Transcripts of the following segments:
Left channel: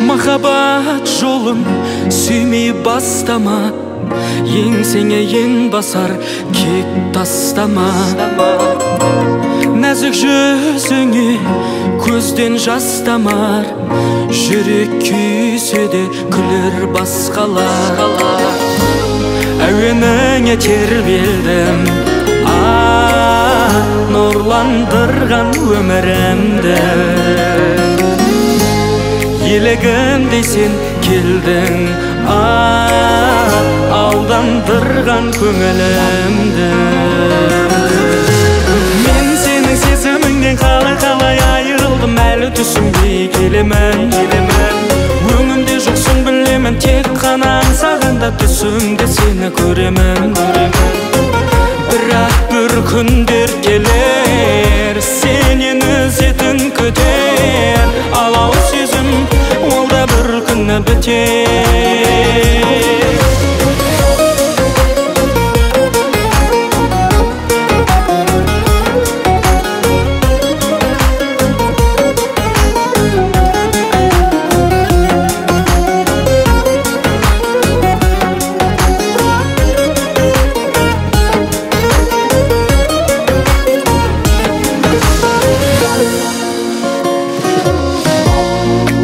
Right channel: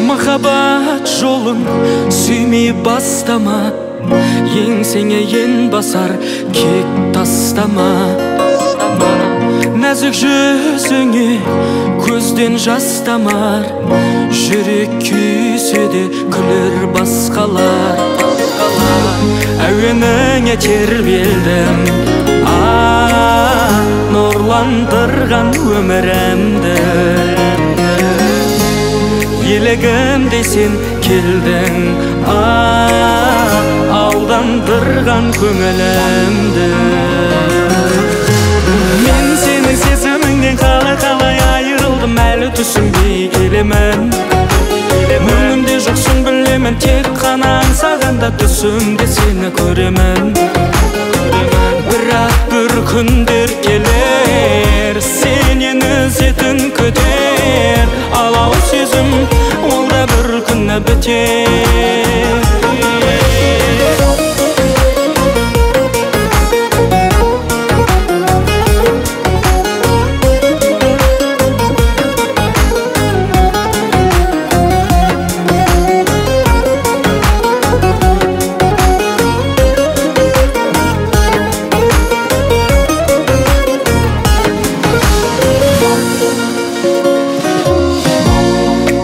Махаббат жолын сүймей бастама, еңсеңе ен басар кек тастама. Нәзік жүзіңе көзден жас тамар, жүрек күйсе де күлер басқалар. Әуеніңе тербелдім, нұрландырған өмірімді. Елегімдей сен келдің, алдандырған көңілімді. Мен сенің сезіміңнен қалай айырылдым, әлі түсінбей келемін. Өңімде жоқсың білемін, тек қана аңсағанда түсімде сені көремін. Бірақ бір күндер келер, сенен ізетін көтер, алау сезім, ол да бір күні бітер.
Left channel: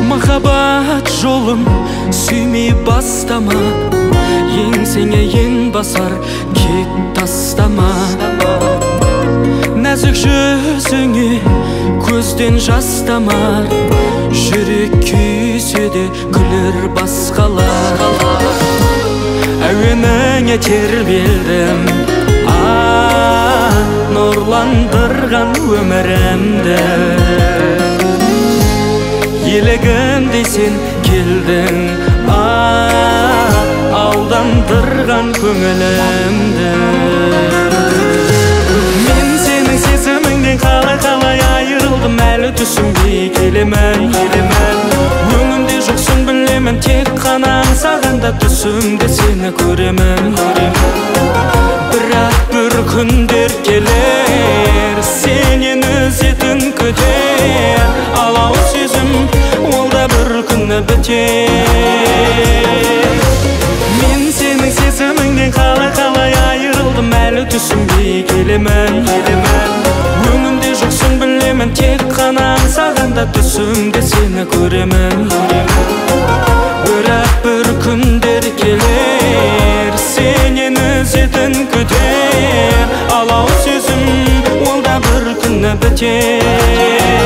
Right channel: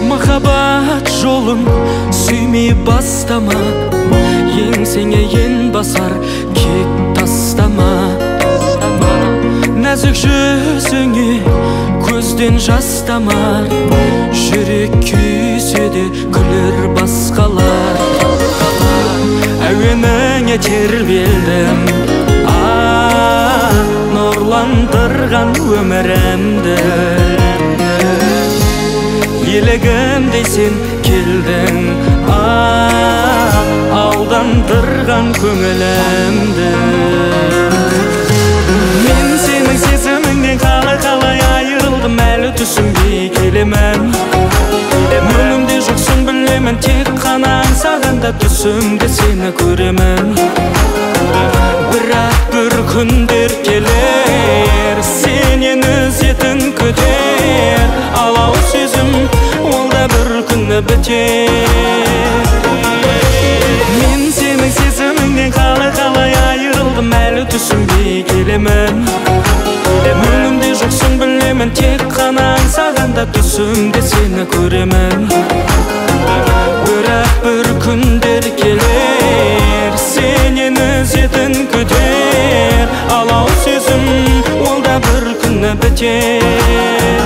Махаббат жолын сүймей бастама, еңсеңе ен басар кек тастама. Нәзік жүзіңе көзден жас тамар, жүрек күйсе де күлер басқалар. Әуеніңе тербелдім, нұрландырған өмірімді. Елегімдей сен келдің, алдандырған көңілімді. Мен сенің сезіміңнен қалай айырылдым, әлі түсінбей келемін. Өңімде жоқсың білемін, тек қана аңсағанда түсімде сені көремін. Бірақ бір күндер келер, сенен ізетін көтер, алау сезім, ол да бір күні бітер. Мен сенің сезіміңнен қалай айырылдым, әлі түсінбей келемін. Өңімде жоқсың білемін, тек қана аңсағанда түсімде сені көремін. Бірақ бір күндер келер, сенен ізетін көтер, алау сезім, ол да бір күні бітер.